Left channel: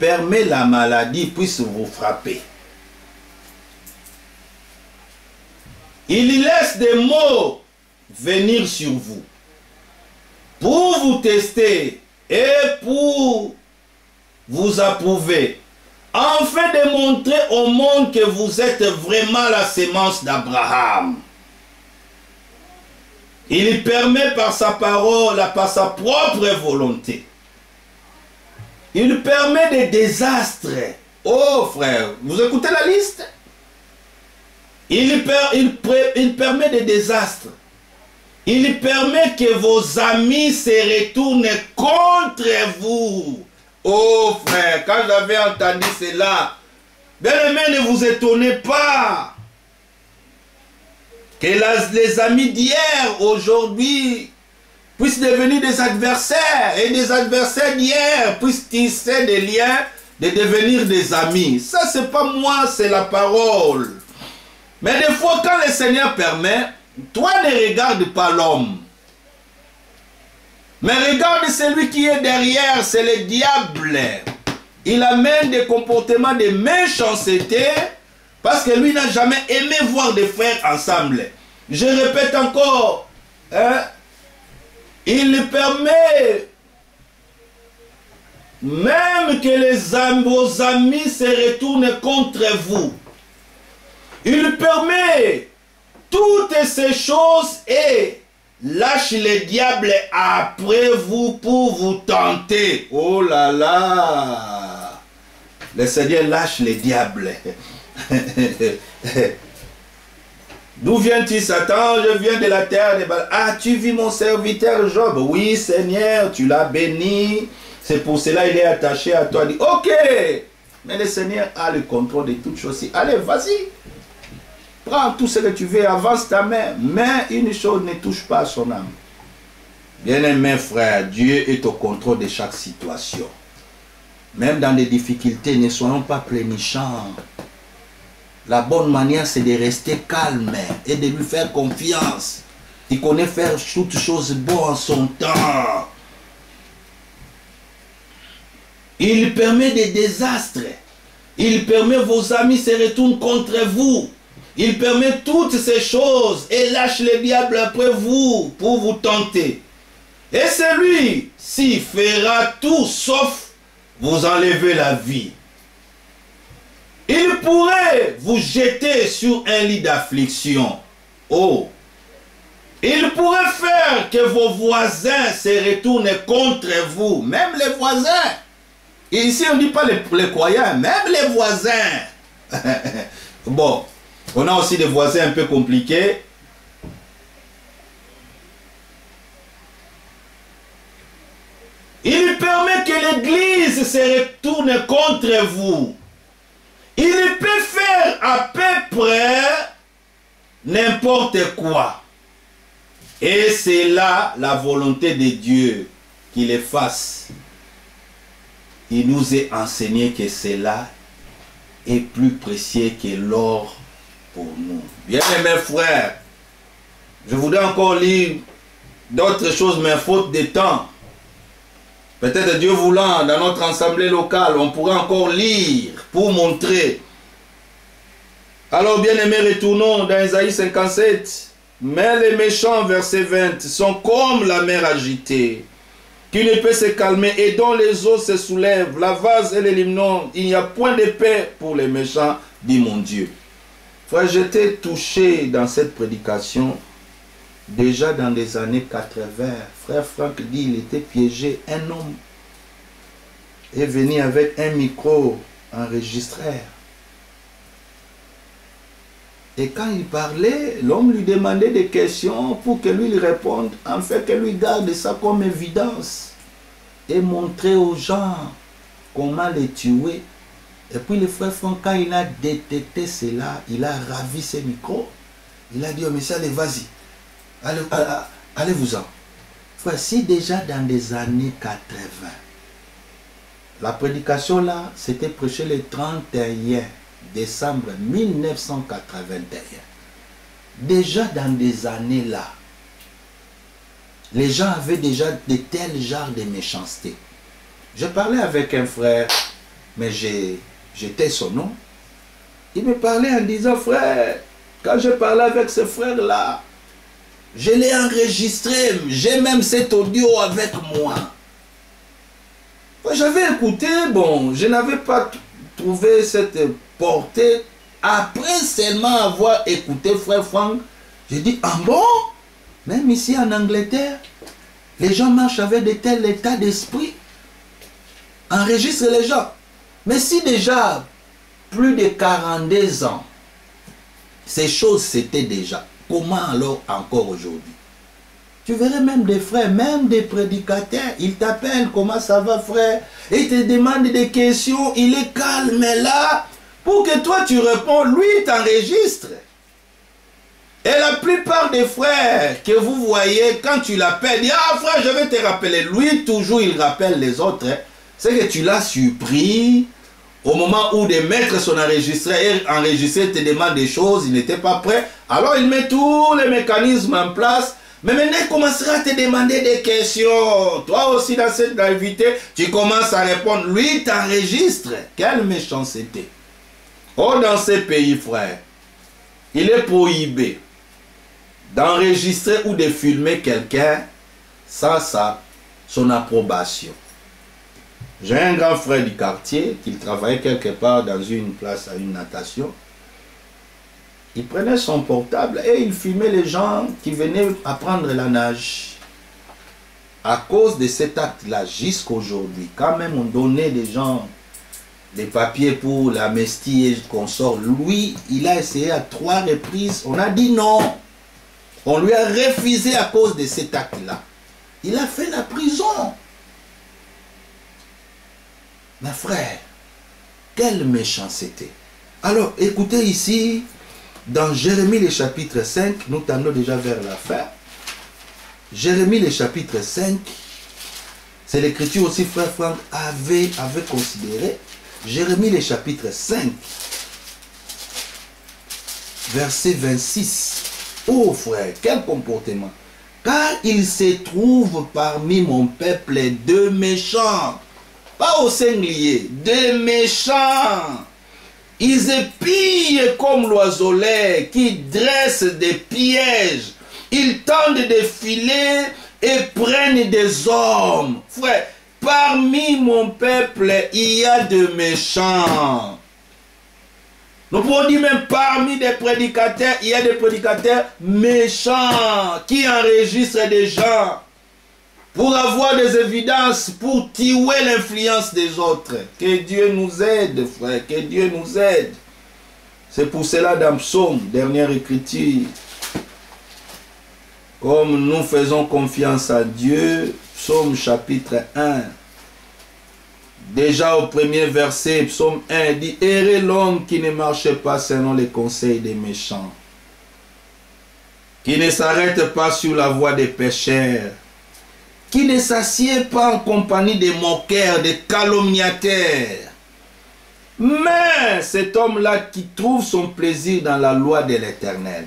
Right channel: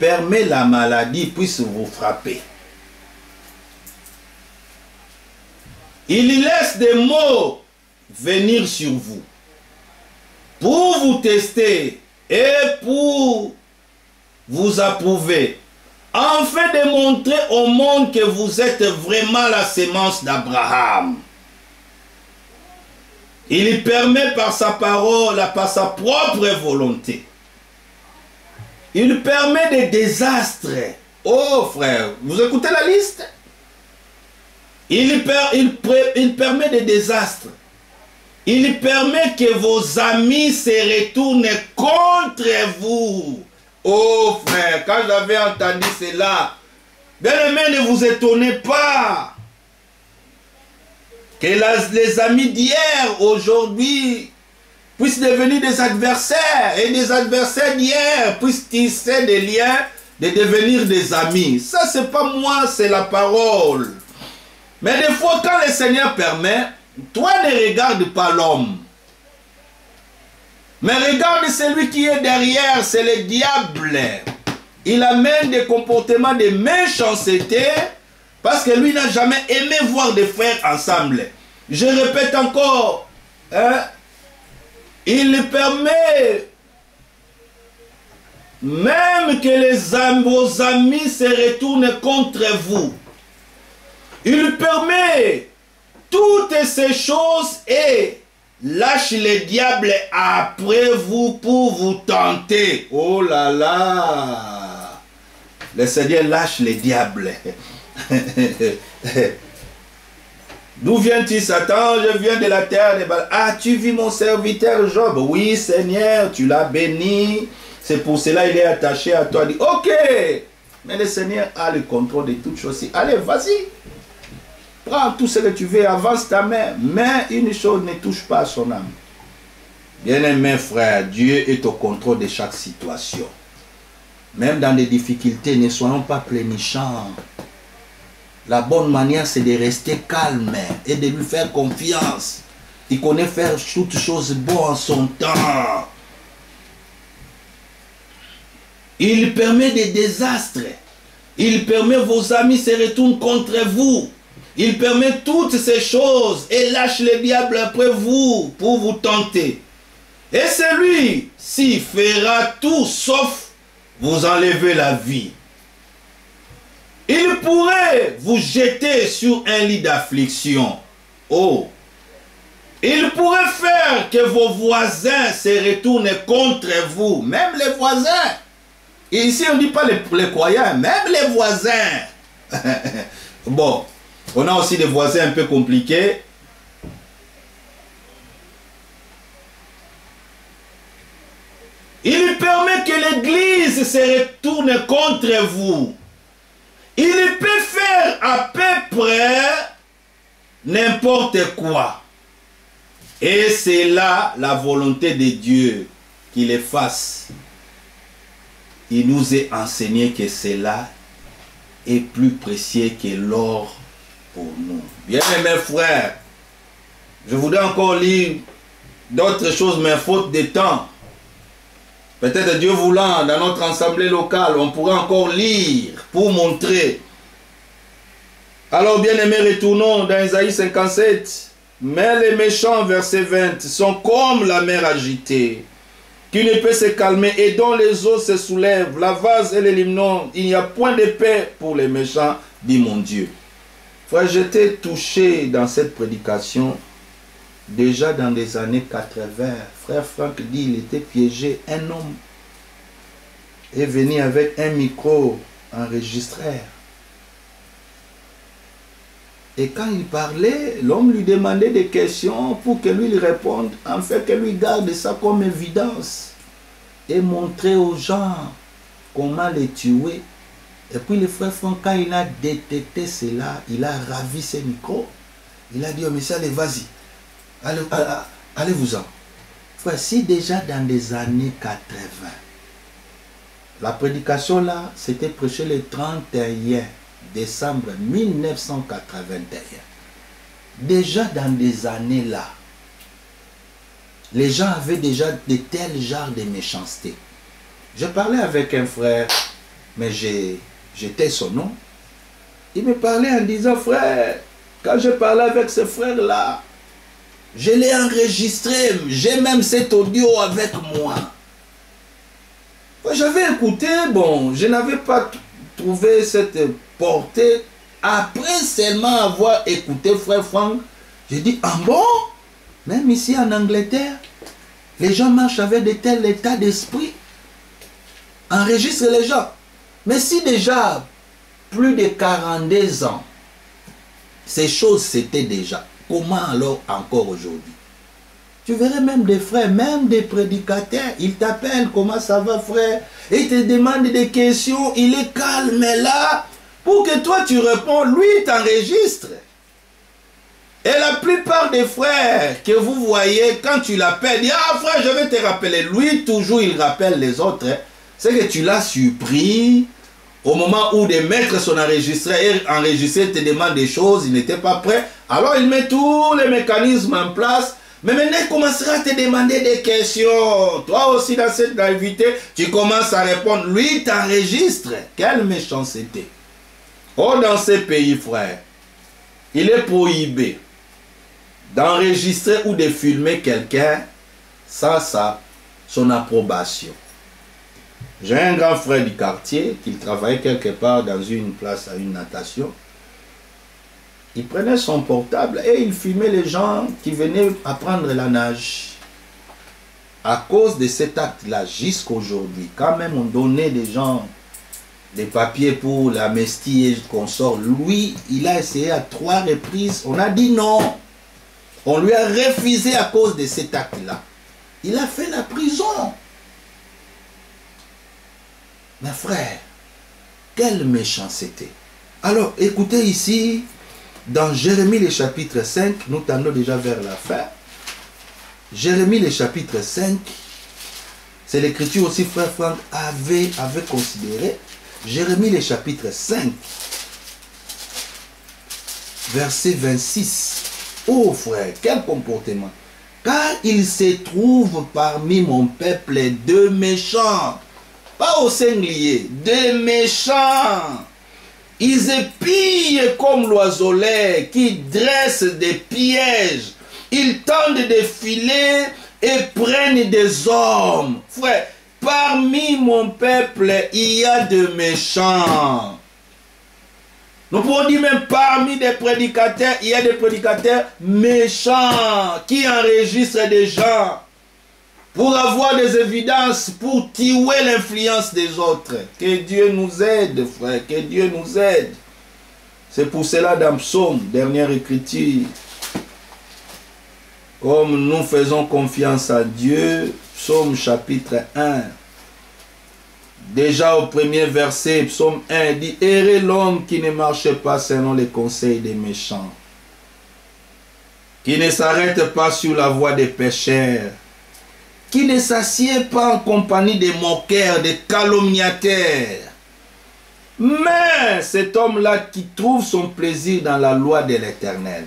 permet la maladie puisse vous frapper. Il laisse des maux venir sur vous pour vous tester et pour vous approuver, afin de montrer au monde que vous êtes vraiment la sémence d'Abraham. Il permet par sa parole, par sa propre volonté. Il permet des désastres. Oh frère, vous écoutez la liste? Il permet des désastres. Il permet que vos amis se retournent contre vous. Oh frère, quand j'avais entendu cela, bien-aimés, ne vous étonnez pas que les amis d'hier, aujourd'hui, puissent devenir des adversaires, et des adversaires d'hier puissent tisser des liens, de devenir des amis. Ça, c'est pas moi, c'est la parole. Mais des fois, quand le Seigneur permet, toi ne regarde pas l'homme, mais regarde celui qui est derrière, c'est le diable. Il amène des comportements de méchanceté, parce que lui n'a jamais aimé voir des frères ensemble. Je répète encore, hein, il permet même que vos amis se retournent contre vous. Il permet toutes ces choses et lâche le diable après vous pour vous tenter. Oh là là! Le Seigneur lâche le diable. D'où viens-tu, Satan? Je viens de la terre des balles. Ah, tu vis mon serviteur Job? Oui, Seigneur, tu l'as béni. C'est pour cela qu'il est attaché à toi. Il dit, ok, mais le Seigneur a le contrôle de toutes choses. Allez, vas-y. Prends tout ce que tu veux, avance ta main. Mais une chose ne touche pas à son âme. Bien-aimé frère, Dieu est au contrôle de chaque situation. Même dans les difficultés, ne soyons pas plénichants. La bonne manière, c'est de rester calme et de lui faire confiance. Il connaît faire toutes choses bonnes en son temps. Il permet des désastres. Il permet vos amis se retournent contre vous. Il permet toutes ces choses et lâche le diable après vous pour vous tenter. Et celui-ci fera tout sauf vous enlever la vie. Il pourrait vous jeter sur un lit d'affliction. Oh! Il pourrait faire que vos voisins se retournent contre vous. Même les voisins. Et ici, on ne dit pas les croyants, même les voisins. Bon, on a aussi des voisins un peu compliqués. Il permet que l'Église se retourne contre vous. Il peut faire à peu près n'importe quoi. Et c'est là la volonté de Dieu qu'il le fasse. Il nous est enseigné que cela est plus précieux que l'or pour nous. Bien-aimés frères, je voudrais encore lire d'autres choses, mais faute de temps. Peut-être Dieu voulant, dans notre assemblée locale, on pourrait encore lire pour montrer. Alors, bien-aimés, retournons dans Isaïe 57. Mais les méchants, verset 20, sont comme la mer agitée, qui ne peut se calmer et dont les eaux se soulèvent, la vase et les limnon. Il n'y a point de paix pour les méchants, dit mon Dieu. Frère, j'étais touché dans cette prédication. Déjà dans les années 80, frère Franck dit il était piégé. Un homme est venu avec un micro enregistreur. Et quand il parlait, l'homme lui demandait des questions pour que lui lui réponde, en fait que lui garde ça comme évidence et montrer aux gens comment les tuer. Et puis le frère Franck, quand il a détecté cela, il a ravi ses micros. Il a dit, oh monsieur, allez, vas-y. Allez-vous-en. Frère, si déjà dans les années 80, la prédication là, c'était prêché le 31 décembre 1981. Déjà dans des années là, les gens avaient déjà de tels genres de méchanceté. Je parlais avec un frère mais j'étais son nom. Il me parlait en disant, frère, quand je parlais avec ce frère-là, je l'ai enregistré, j'ai même cet audio avec moi. J'avais écouté, bon, je n'avais pas trouvé cette portée. Après seulement avoir écouté frère Franck, j'ai dit, ah bon? Même ici en Angleterre, les gens marchent avec de tels états d'esprit. Enregistre les gens. Mais si déjà, plus de 42 ans, ces choses c'était déjà, comment alors encore aujourd'hui? Tu verrais même des frères, même des prédicateurs, ils t'appellent, comment ça va frère? Et ils te demandent des questions, il est calme là, pour que toi tu réponds, lui il t'enregistre. Et la plupart des frères que vous voyez, quand tu l'appelles, dit, ah frère, je vais te rappeler. Lui, toujours, il rappelle les autres. C'est que tu l'as surpris au moment où de mettre son enregistré et enregistrer te demande des choses, il n'était pas prêt. Alors, il met tous les mécanismes en place. Mais maintenant, il commencera à te demander des questions. Toi aussi, dans cette invité, tu commences à répondre. Lui, il t'enregistre. Quelle méchanceté. Oh, dans ces pays, frère, il est prohibé d'enregistrer ou de filmer quelqu'un sans son approbation. J'ai un grand frère du quartier qui travaillait quelque part dans une place à une natation. Il prenait son portable et il filmait les gens qui venaient apprendre la nage. À cause de cet acte-là, jusqu'à aujourd'hui, quand même on donnait des gens des papiers pour l'amnistie et consort, lui, il a essayé à 3 reprises, on a dit non. On lui a refusé à cause de cet acte-là. Il a fait la prison. Mais frère, quelle méchanceté. Alors, écoutez ici, dans Jérémie le chapitre 5, nous tendons déjà vers la fin. Jérémie le chapitre 5, c'est l'écriture aussi, frère Franck avait considéré. Jérémie le chapitre 5, verset 26. Oh frère, quel comportement. Car il se trouve parmi mon peuple deux méchants. Pas au singulier, deux méchants. Ils épillent comme l'oiselet qui dresse des pièges. Ils tendent des filets et prennent des hommes. Frère, parmi mon peuple, il y a de méchants. Nous pouvons dire même parmi des prédicateurs, il y a des prédicateurs méchants qui enregistrent des gens pour avoir des évidences, pour tuer l'influence des autres. Que Dieu nous aide, frère, que Dieu nous aide. C'est pour cela dans Psaume, dernière écriture, comme nous faisons confiance à Dieu, Psaume chapitre 1, déjà au premier verset, Psaume 1, dit « Heureux l'homme qui ne marche pas selon les conseils des méchants, qui ne s'arrête pas sur la voie des pécheurs, qui ne s'assied pas en compagnie des moqueurs, des calomniateurs. Mais cet homme-là qui trouve son plaisir dans la loi de l'Éternel,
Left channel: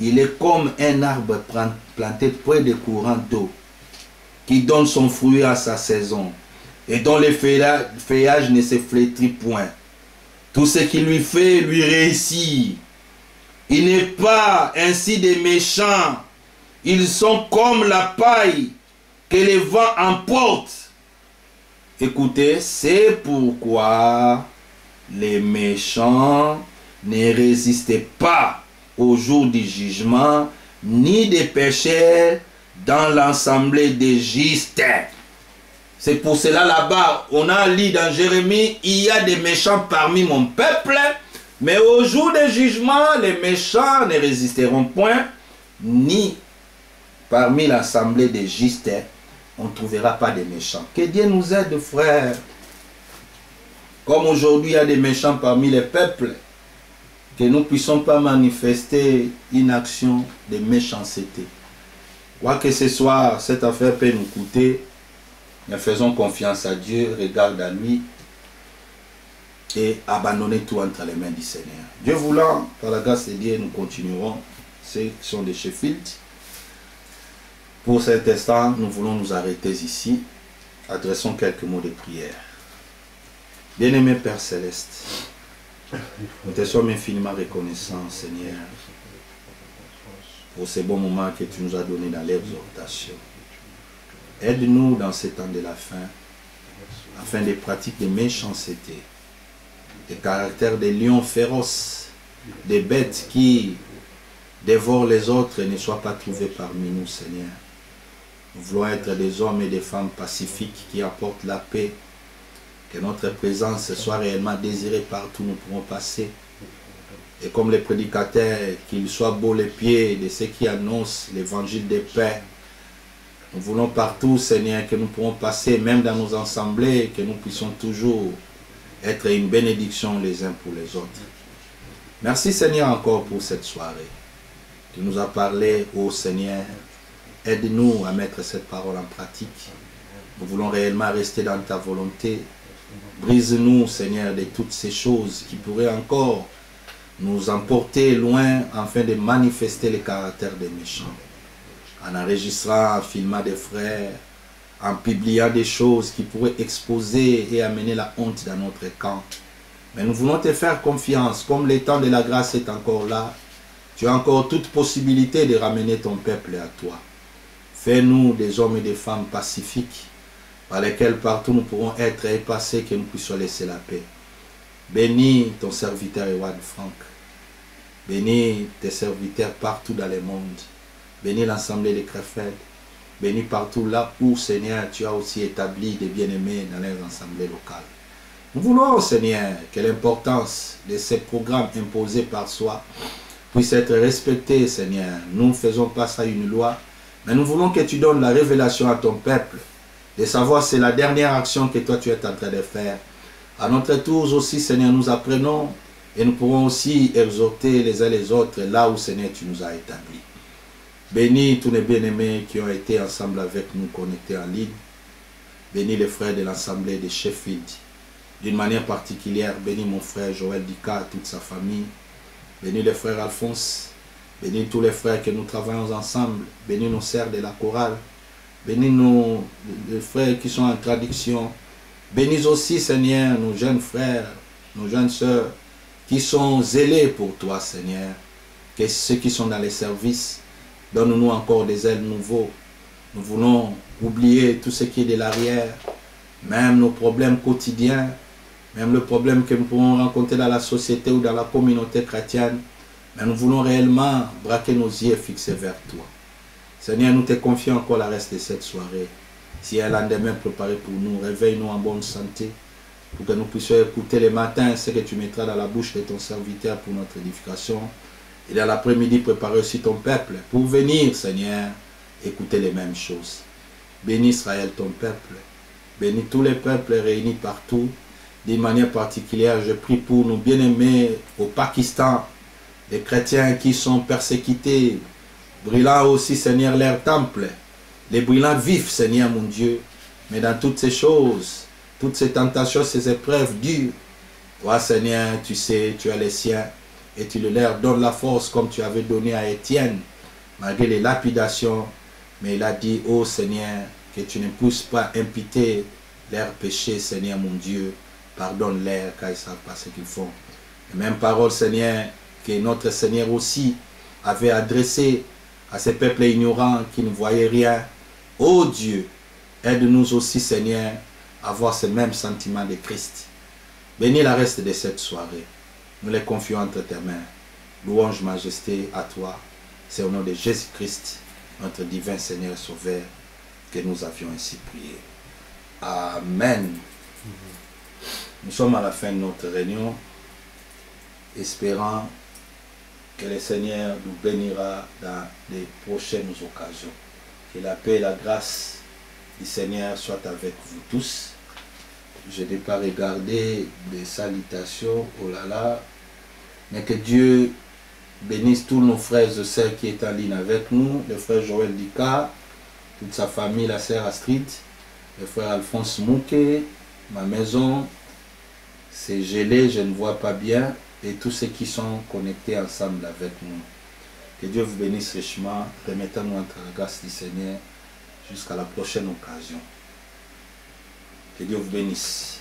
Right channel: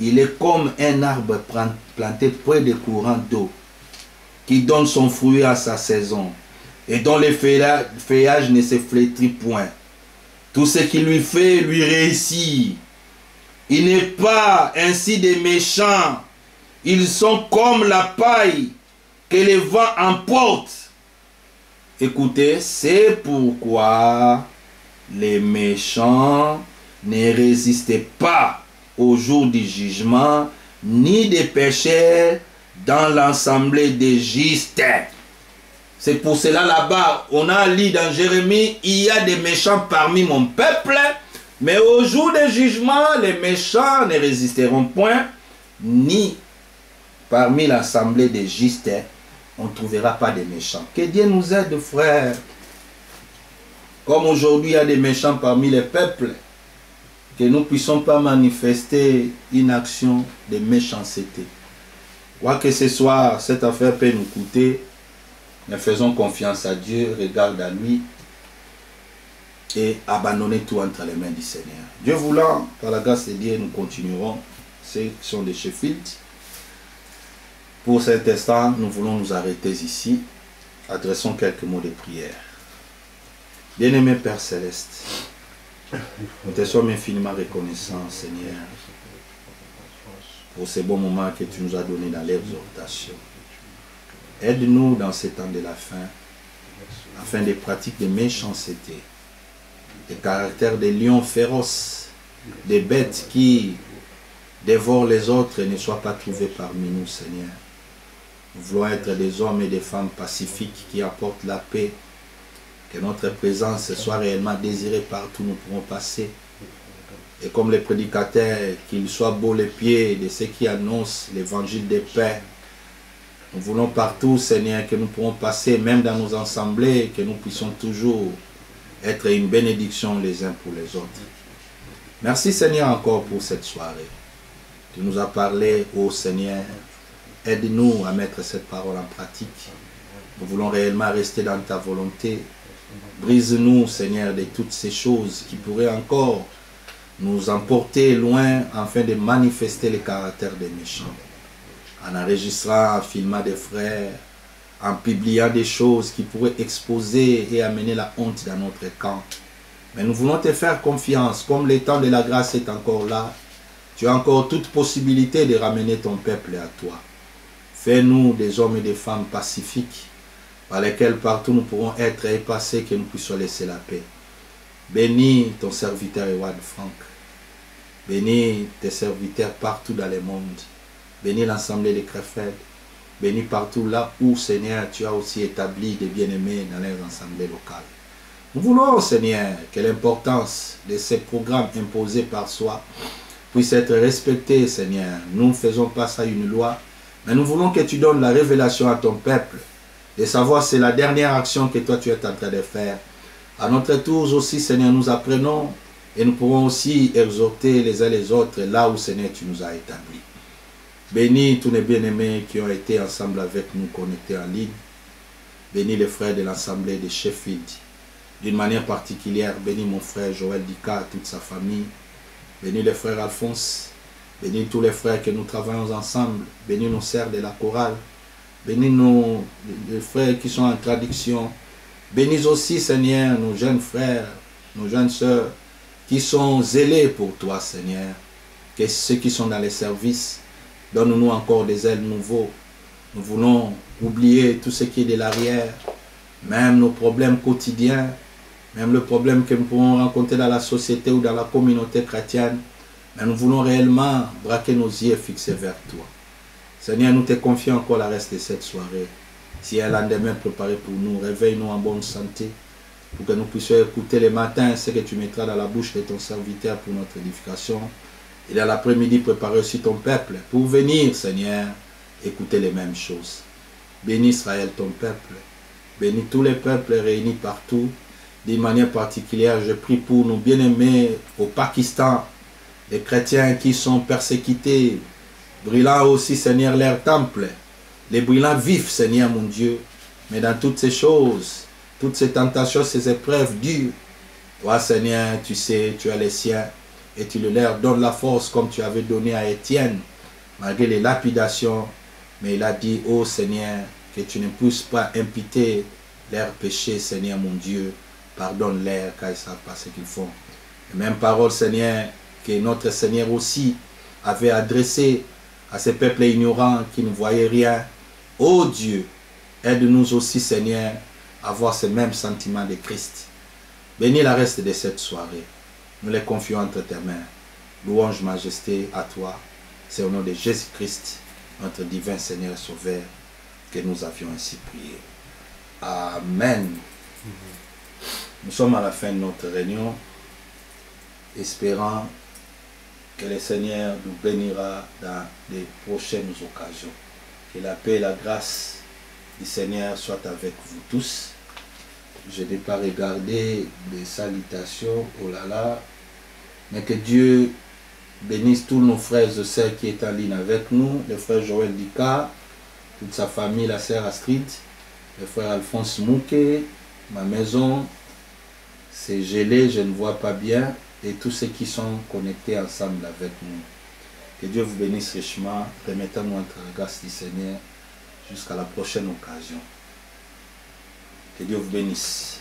il est comme un arbre planté près des courants d'eau, qui donne son fruit à sa saison, et dont les feuillages ne se flétrit point. Tout ce qui lui fait, lui réussit. Il n'est pas ainsi des méchants. Ils sont comme la paille que le vent emporte. Écoutez, c'est pourquoi les méchants ne résistent pas au jour du jugement, ni des pécheurs dans l'assemblée des justes. C'est pour cela là-bas, on a lu dans Jérémie, il y a des méchants parmi mon peuple, mais au jour du jugement, les méchants ne résisteront point, ni parmi l'assemblée des justes, on ne trouvera pas des méchants. Que Dieu nous aide, frères. Comme aujourd'hui, il y a des méchants parmi les peuples, que nous ne puissions pas manifester une action de méchanceté. Quoi que ce soit, cette affaire peut nous coûter, mais faisons confiance à Dieu, regarde à lui et abandonnez tout entre les mains du Seigneur. Dieu voulant, par la grâce de Dieu, nous continuerons. Ceux qui sont de Sheffield. Pour cet instant, nous voulons nous arrêter ici. Adressons quelques mots de prière. Bien-aimé Père Céleste, nous te sommes infiniment reconnaissants, Seigneur, pour ces bons moments que tu nous as donnés dans l'exhortation. Aide-nous dans ces temps de la fin, afin des pratiques de méchanceté, des caractères des lions féroces, des bêtes qui dévorent les autres ne soient pas trouvés parmi nous, Seigneur. Nous voulons être des hommes et des femmes pacifiques qui apportent la paix, que notre présence soit réellement désirée partout où nous pourrons passer. Et comme les prédicateurs, qu'ils soient beaux les pieds de ceux qui annoncent l'évangile de paix. Nous voulons partout, Seigneur, que nous pourrons passer, même dans nos assemblées, que nous puissions toujours être une bénédiction les uns pour les autres. Merci, Seigneur, encore pour cette soirée. Tu nous as parlé, ô Seigneur. Aide-nous à mettre cette parole en pratique. Nous voulons réellement rester dans ta volonté. Brise-nous, Seigneur, de toutes ces choses qui pourraient encore nous emporter loin afin de manifester le caractère des méchants. En enregistrant, en filmant des frères, en publiant des choses qui pourraient exposer et amener la honte dans notre camp. Mais nous voulons te faire confiance, comme le temps de la grâce est encore là. Tu as encore toute possibilité de ramener ton peuple à toi. Fais-nous des hommes et des femmes pacifiques, par lesquels partout nous pourrons être et passer, que nous puissions laisser la paix. Bénis ton serviteur Ewad Frank. Bénis tes serviteurs partout dans le monde. Bénis l'Assemblée des Krefeld. Bénis partout là où, Seigneur, tu as aussi établi des bien-aimés dans les assemblées locales. Nous voulons, Seigneur, que l'importance de ces programmes imposés par soi puisse être respectée, Seigneur. Nous ne faisons pas ça une loi, mais nous voulons que tu donnes la révélation à ton peuple, de savoir c'est la dernière action que toi tu es en train de faire. À notre tour aussi, Seigneur, nous apprenons et nous pourrons aussi exhorter les uns les autres là où, Seigneur, tu nous as établis. Bénis tous les bien-aimés qui ont été ensemble avec nous connectés en ligne. Bénis les frères de l'Assemblée de Sheffield. D'une manière particulière, bénis mon frère Joël Dika, toute sa famille. Bénis les frères Alphonse. Bénis tous les frères que nous travaillons ensemble. Bénis nos sœurs de la chorale. Bénis les frères qui sont en traduction. Bénis aussi, Seigneur, nos jeunes frères, nos jeunes sœurs qui sont zélés pour toi, Seigneur. Que ceux qui sont dans les services, donne-nous encore des ailes nouveaux. Nous voulons oublier tout ce qui est de l'arrière, même nos problèmes quotidiens, même le problème que nous pouvons rencontrer dans la société ou dans la communauté chrétienne. Mais nous voulons réellement braquer nos yeux fixés vers toi. Seigneur, nous te confions encore le reste de cette soirée. Si un lendemain préparé pour nous, réveille-nous en bonne santé, pour que nous puissions écouter le matin ce que tu mettras dans la bouche de ton serviteur pour notre édification. Et dans l'après-midi, préparer aussi ton peuple pour venir, Seigneur, écouter les mêmes choses. Bénis Israël, ton peuple. Bénis tous les peuples réunis partout. D'une manière particulière, je prie pour nos bien-aimés au Pakistan, les chrétiens qui sont persécutés, brûlant aussi, Seigneur, leur temple. Les brûlants vifs, Seigneur mon Dieu. Mais dans toutes ces choses, toutes ces tentations, ces épreuves dures, toi, Seigneur, tu sais, tu as les siens. Et tu leur donnes la force comme tu avais donné à Étienne, malgré les lapidations. Mais il a dit, ô Seigneur, que tu ne puisses pas imputer leurs péchés, Seigneur mon Dieu. Pardonne-leur car ils ne savent pas ce qu'ils font. Et même parole, Seigneur, que notre Seigneur aussi avait adressée à ces peuples ignorants qui ne voyaient rien. Ô Dieu, aide-nous aussi, Seigneur, à avoir ce même sentiment de Christ. Bénis la reste de cette soirée. Nous les confions entre tes mains. Louange, majesté à toi. C'est au nom de Jésus-Christ, notre divin Seigneur Sauveur, que nous avions ainsi prié. Amen. Nous sommes à la fin de notre réunion, espérant que le Seigneur nous bénira dans les prochaines occasions. Que la paix et la grâce du Seigneur soient avec vous tous. Je n'ai pas regardé des salutations, oh là là, mais que Dieu bénisse tous nos frères et sœurs qui sont en ligne avec nous, le frère Joël Dika, toute sa famille, la sœur Astrid, le frère Alphonse Mouké, ma maison, c'est gelé, je ne vois pas bien, et tous ceux qui sont connectés ensemble avec nous. Que Dieu vous bénisse richement, remettez-nous entre la grâce du Seigneur jusqu'à la prochaine occasion. Que Dieu vous bénisse.